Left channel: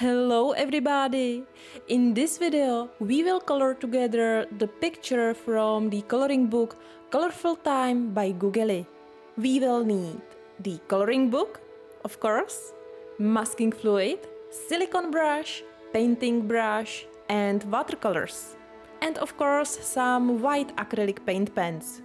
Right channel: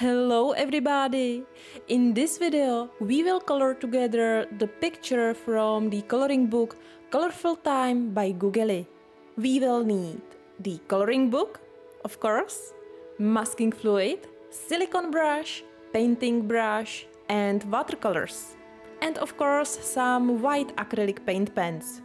Hello everybody! In this video we will color together the picture from the coloring book Colorful Time by GUGELI. We will need the coloring book, of course, masking fluid, silicone brush, painting brush and watercolors. And of course some white acrylic paint pens.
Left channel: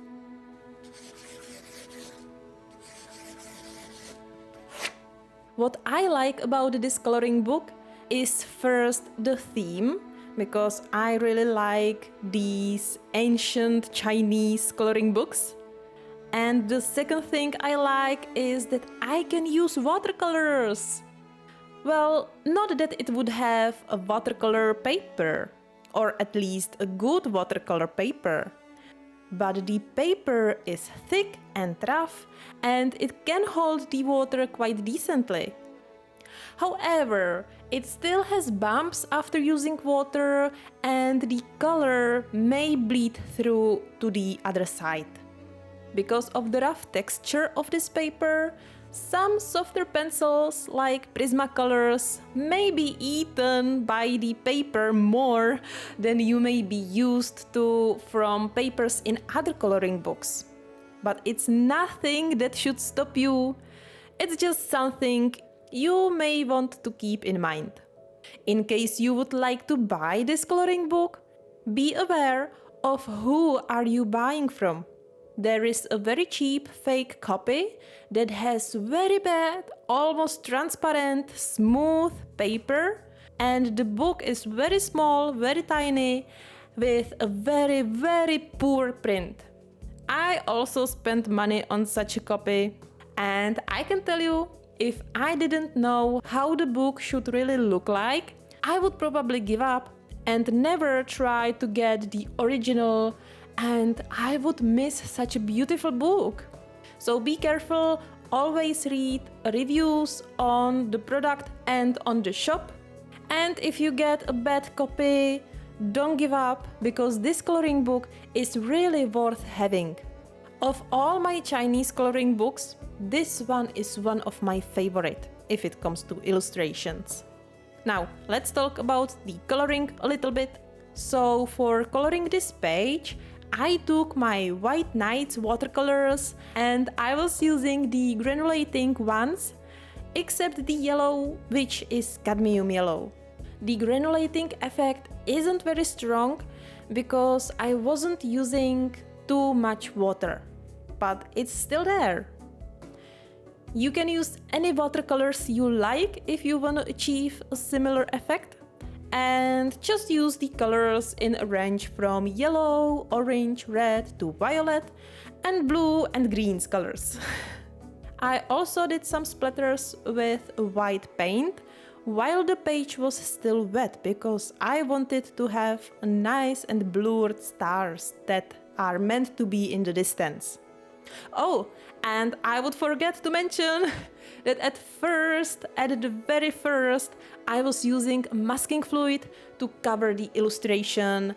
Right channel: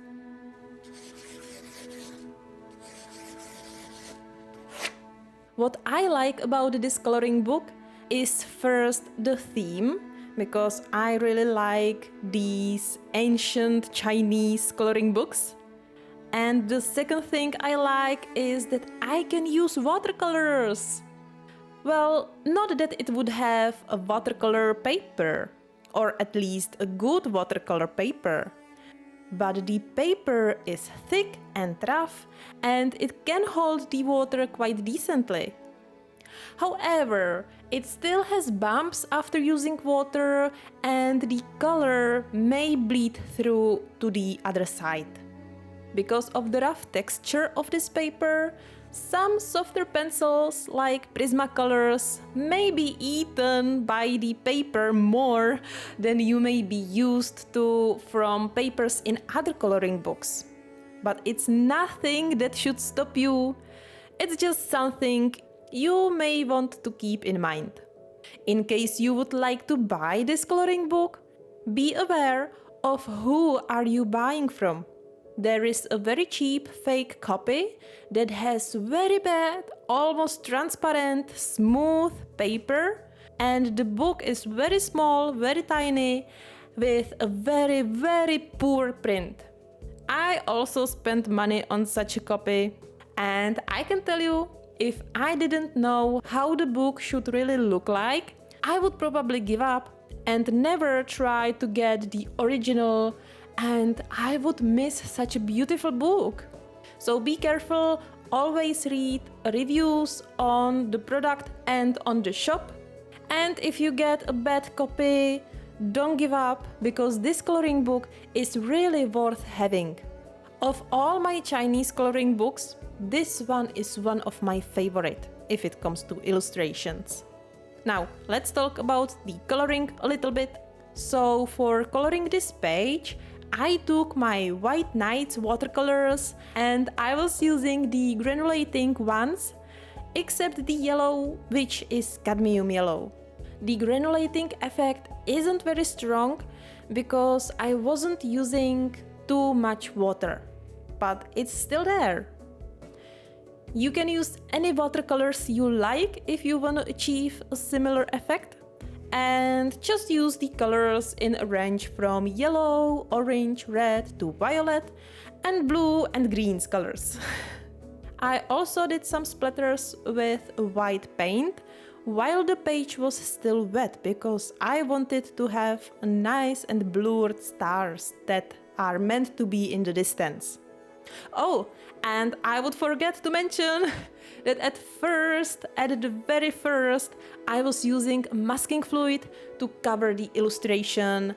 What I like about this coloring book is first the theme, because I really like these ancient Chinese coloring books. And the second thing I like is that I can use watercolors. Well, not that it would have a watercolor paper, or at least a good watercolor paper. But the paper is thick and rough and it can hold the water quite decently. However, it still has bumps after using water and the color may bleed through to the other side. Because of the rough texture of this paper, some softer pencils like Prismacolors may be eaten by the paper more than you may be used to from papers in other coloring books. But it's nothing that should stop you. It's just something you may want to keep in mind. In case you would like to buy this coloring book, be aware of who are you buying from. There is a very cheap fake copy that has very bad, almost transparent, smooth paper, and the book is very small, very tiny, with a very, very poor print. I also spent money on such a copy, and I can tell you, if I didn't know how the book should really look like, I would probably give up and never try to get the original, and I would miss such a beautiful book. So be careful, always read reviews on the product and on the shop. And if you get a bad copy, don't give up, because this coloring book is really worth having. Of all my Chinese coloring books, this one is one of my favorite if it comes to illustrations. Now, let's talk about the coloring a little bit. So for coloring this page, I took my White Nights watercolors and I was using the granulating ones, except the yellow, which is cadmium yellow. The granulating effect isn't very strong because I wasn't using too much water, but it's still there. You can use any watercolors you like if you want to achieve a similar effect. And just use the colors in a range from yellow, orange, red to violet, and blue and green colors. I also did some splatters with white paint while the page was still wet, because I wanted to have nice and blurred stars that are meant to be in the distance. Oh, and I would forget to mention that at the very first, I was using masking fluid to cover the illustration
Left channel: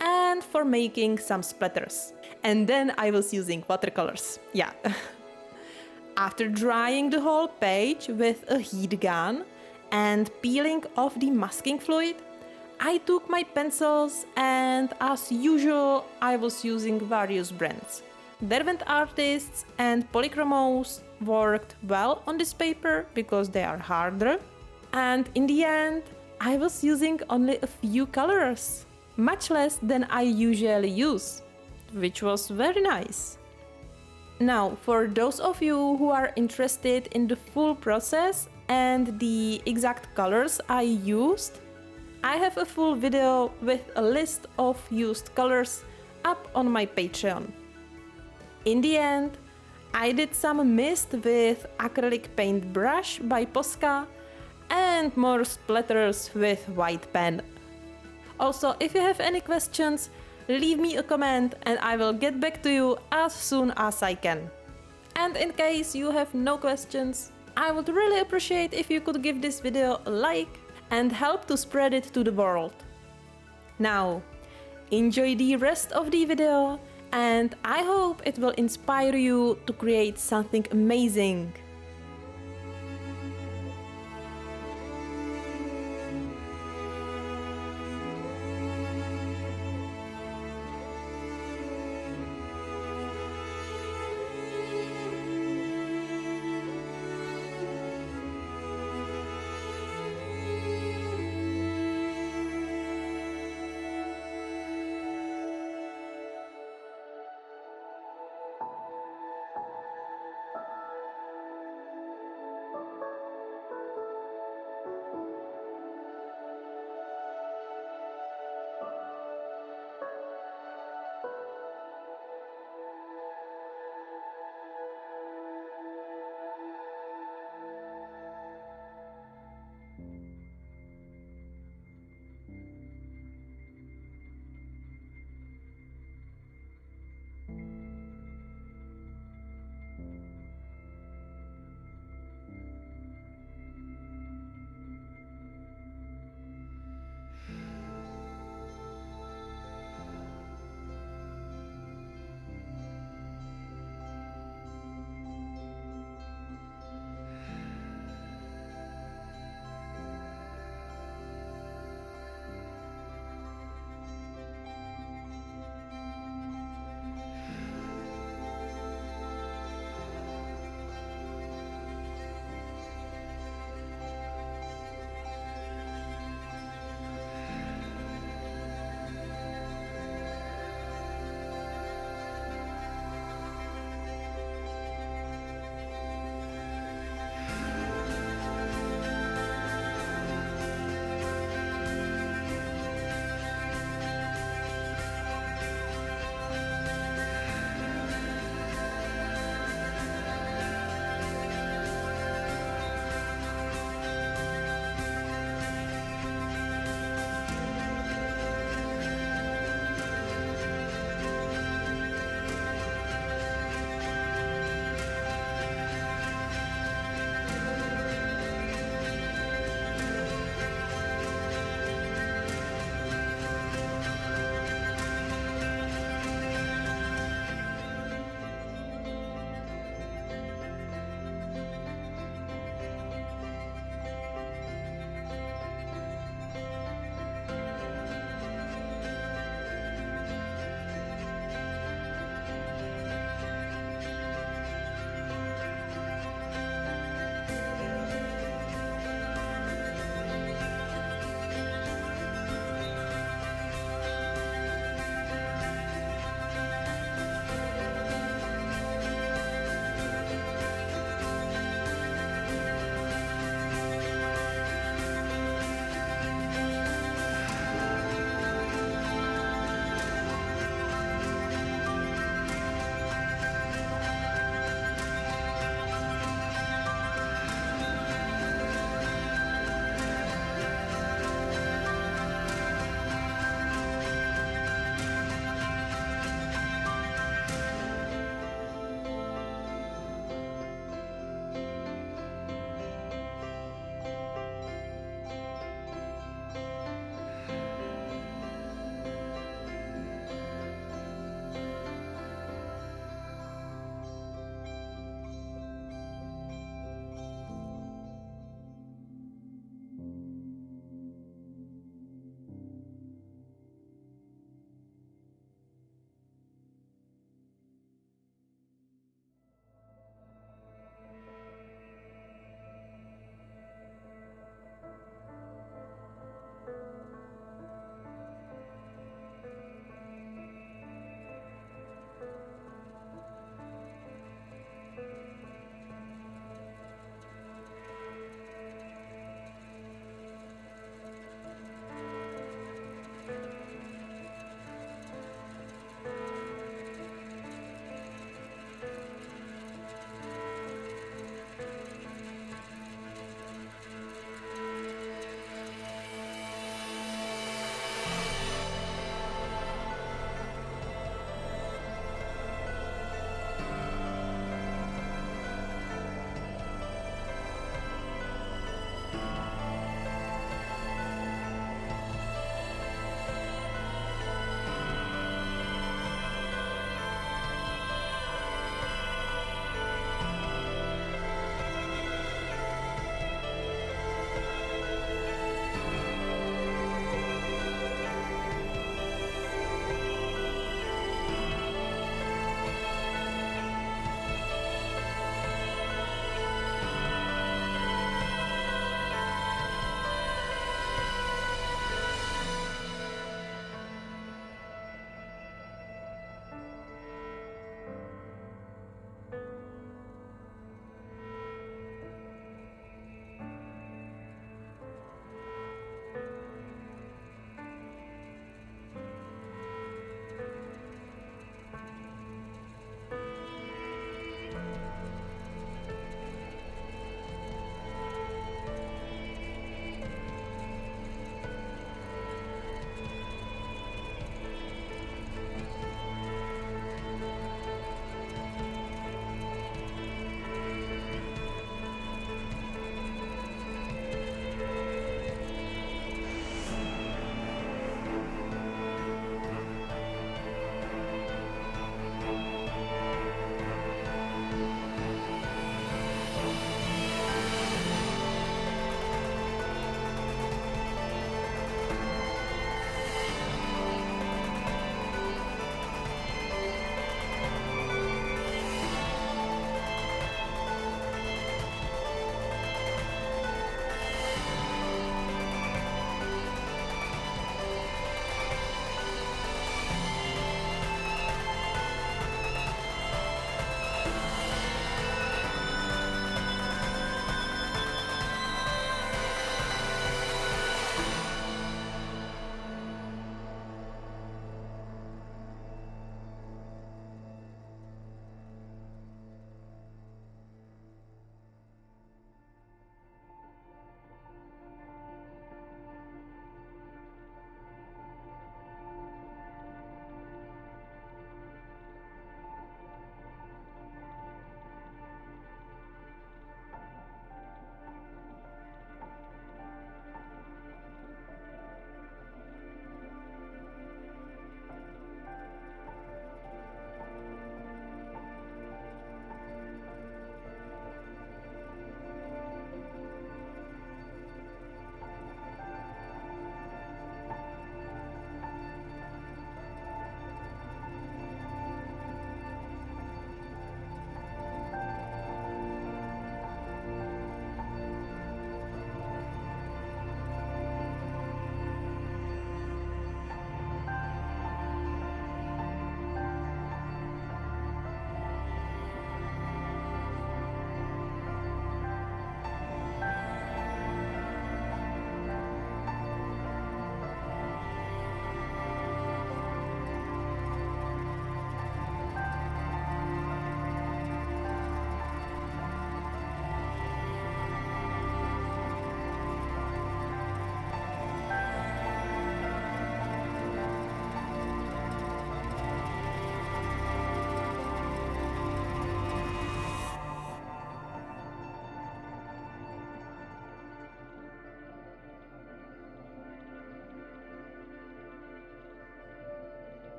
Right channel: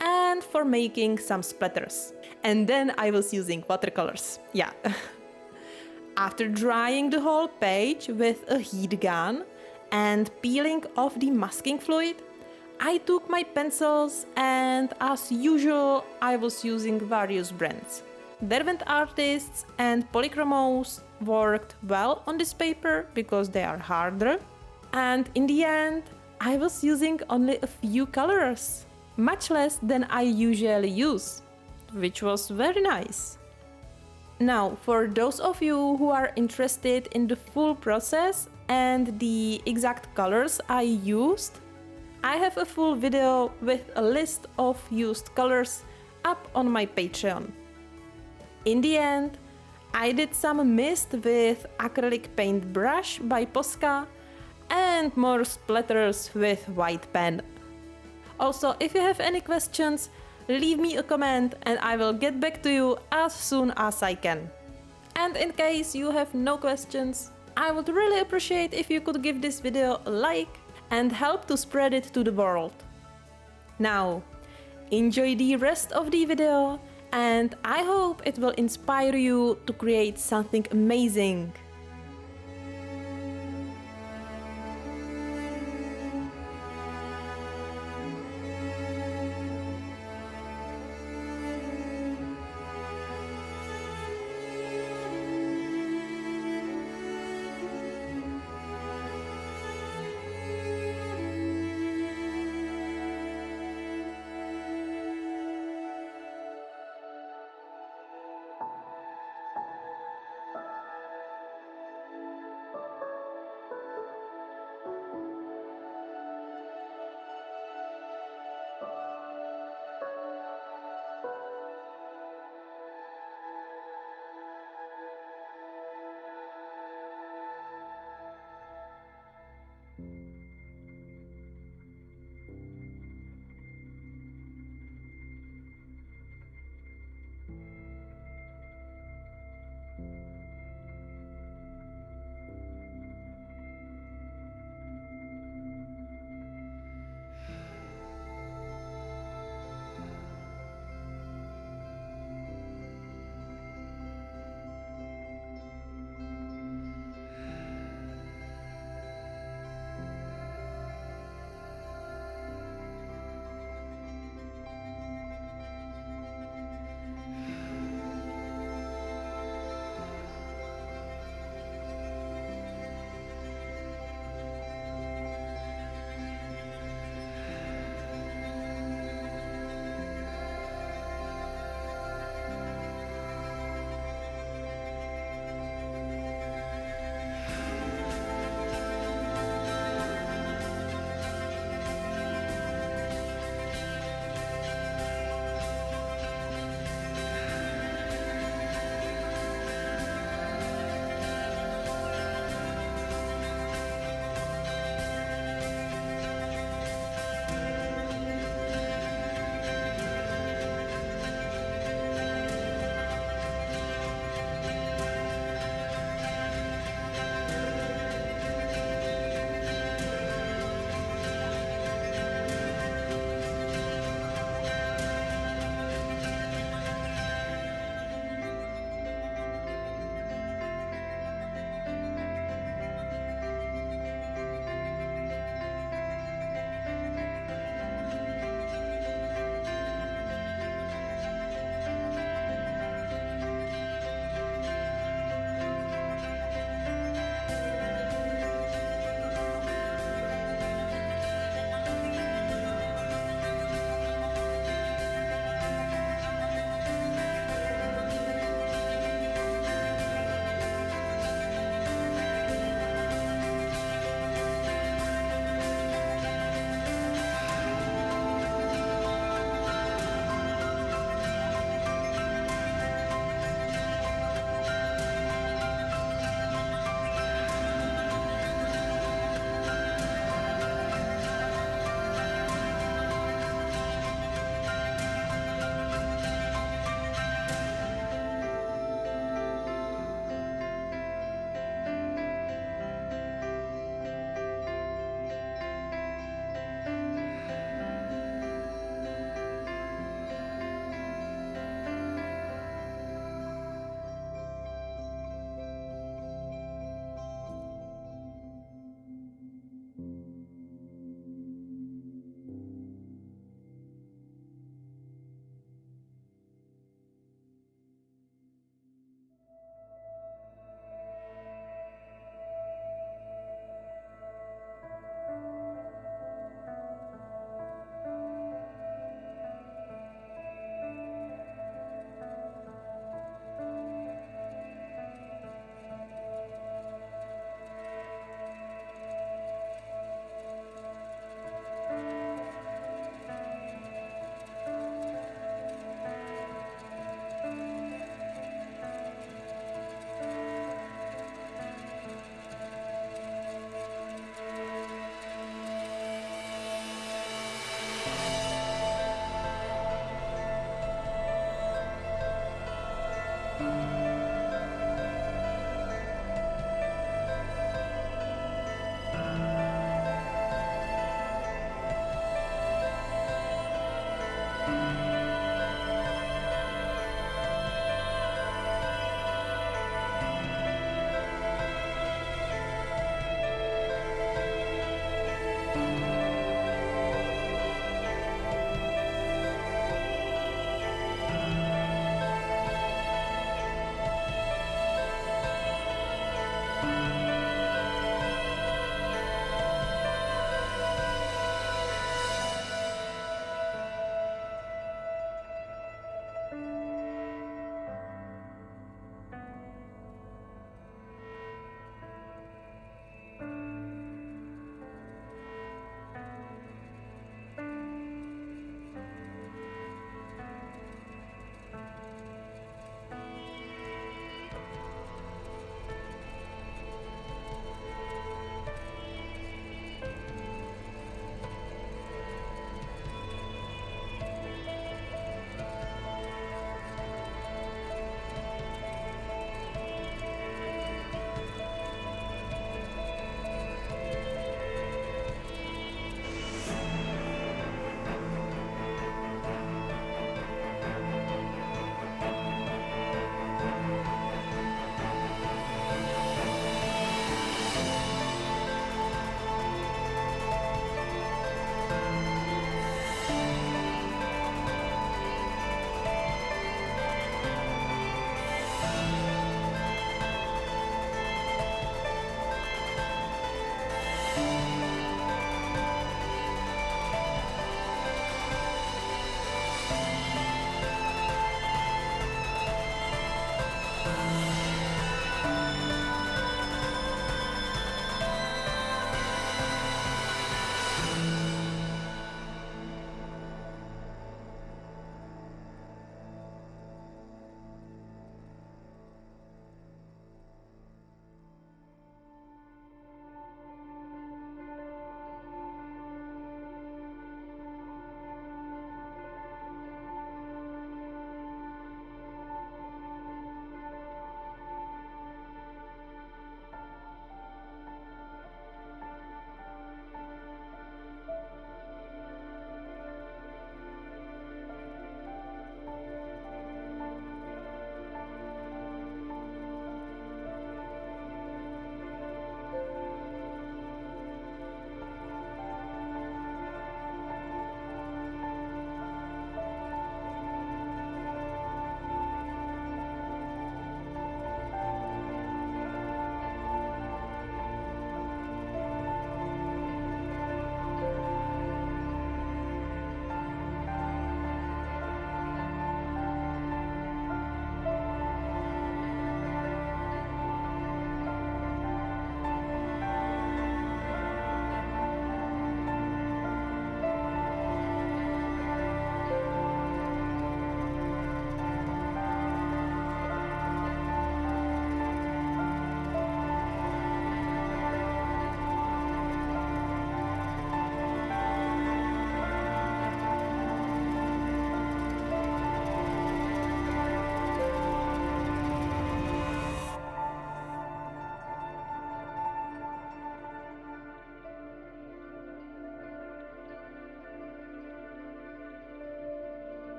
and for making some splatters. And then I was using watercolors, yeah. After drying the whole page with a heat gun and peeling off the masking fluid, I took my pencils and, as usual, I was using various brands. Derwent Artists and Polychromos worked well on this paper because they are harder. And in the end, I was using only a few colors, much less than I usually use, which was very nice. Now, for those of you who are interested in the full process and the exact colors I used, I have a full video with a list of used colors up on my Patreon. In the end, I did some mist with acrylic paint brush by Posca and more splatters with white pen. Also, if you have any questions, leave me a comment and I will get back to you as soon as I can. And in case you have no questions, I would really appreciate if you could give this video a like and help to spread it to the world. Now, enjoy the rest of the video, and I hope it will inspire you to create something amazing.